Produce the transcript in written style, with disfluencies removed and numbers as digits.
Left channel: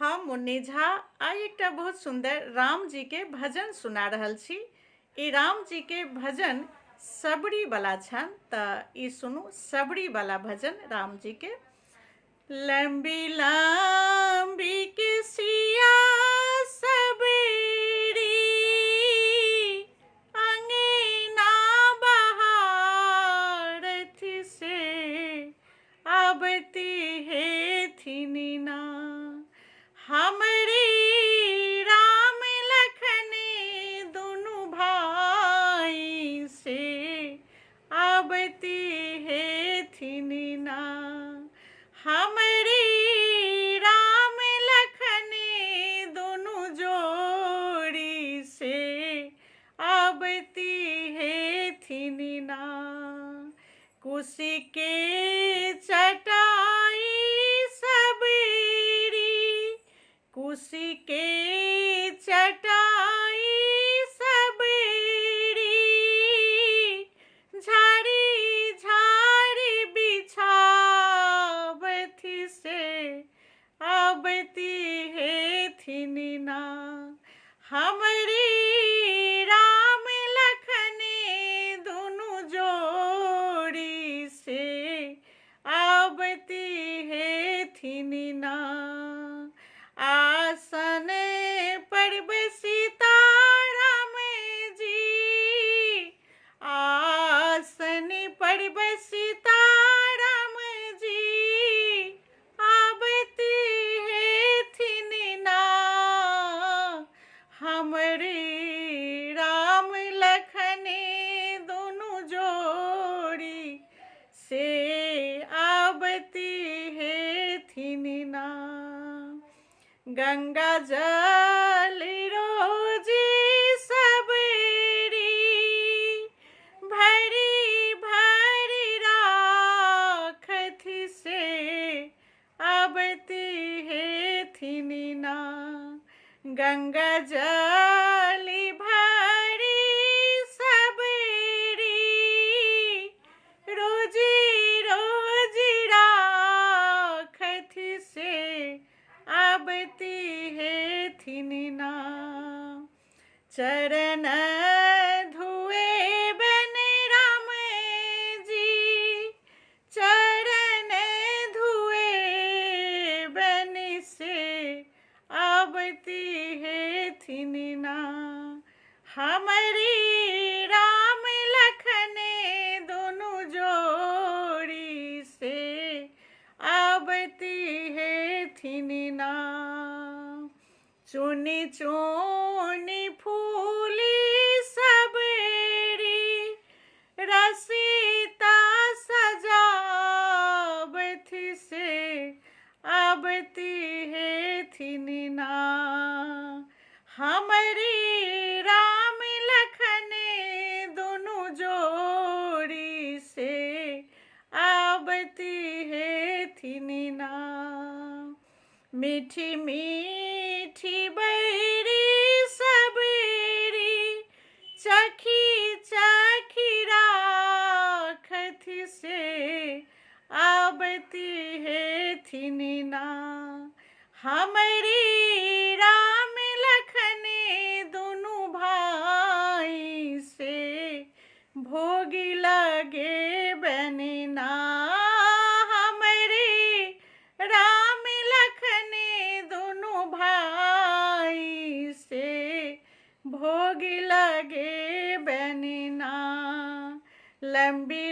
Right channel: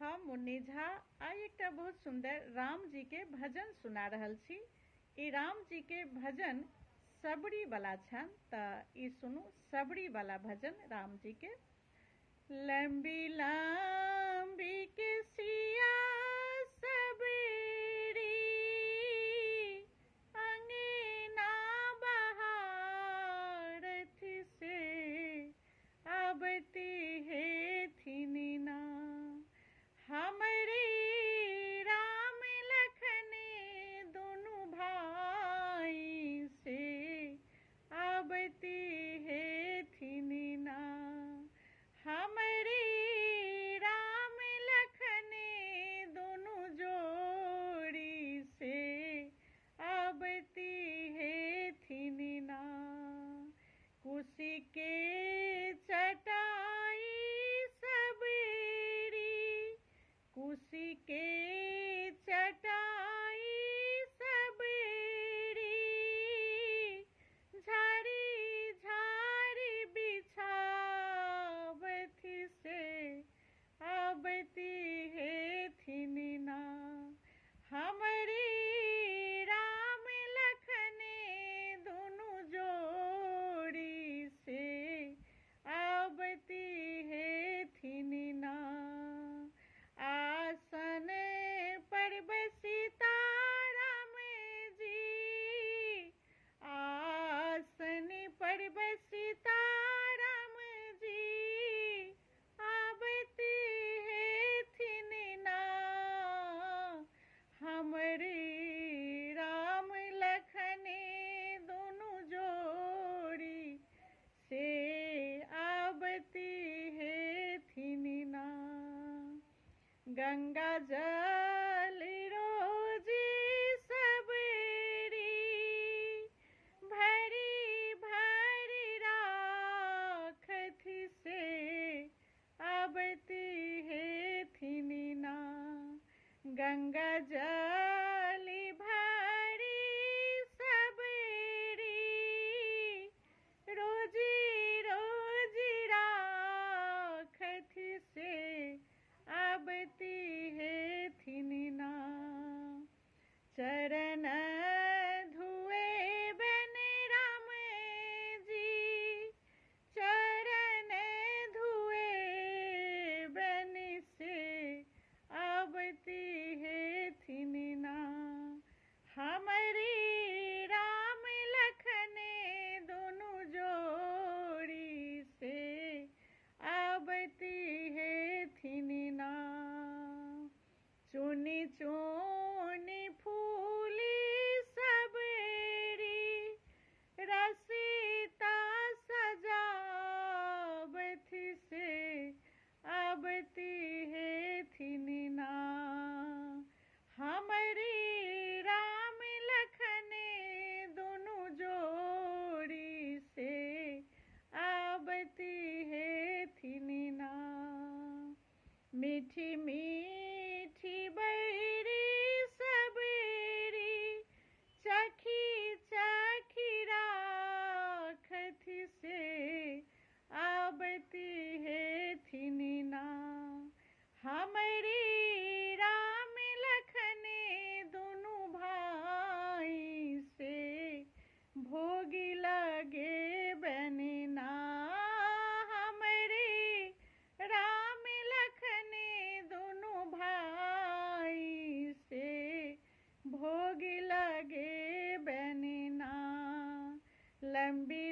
हम मुन्नी झा आई एक बहुत सुंदर राम जी के भजन सुना रहल छी। ई राम जी के भजन सबरी वाला छन त ई सुनू सबरी वाला भजन राम जी के। लंबी लंबी किसिया सबरी अंगना बहारत से आबती है थीनी ना हमरी राम लखन दुनु भाई से आबती है थीनी ना हमरी राम लखन दुनु जोड़ी से आबती है थीनी ना कुशी के चटाई कुशी के चटाई सबरी झाड़ी झाड़ी बिछावती से आबती है थीनी ना हमरी राम लखन दुनु जोड़ी से आबती है थीनी ना आसन पर सीता राम जी आसन पर सीता राम जी आबती है थीनी ना हमरे राम लखन दोनों जोड़ी से आबती है थीनी ना गंगा जल रोजी सबरी भरी भरी राखत से आबती है थीनी ना गंगा जल भरी सबरी रोजी रोजी राखत से आबती है थीनी ना चरण धुए बन राम जी चरण धुए बन से आबती है थीनी ना हमारी राम लखन दोनों जोड़ी से आबती है थीनी ना चुनी चुनी फूली सबरी रसीता सजावती से आबती है थीनी ना हमारी राम लखन दोनों जोड़ी से आबती है थीनी ना मीठी मीठी बैरी सबरी चखी चखी राखत से आबती है थीनी ना हमरी राम लखन दोनों भाई से भोगी लगे बनना हमरी राम लखन दोनों भाई से भोग लगे बनना लंबी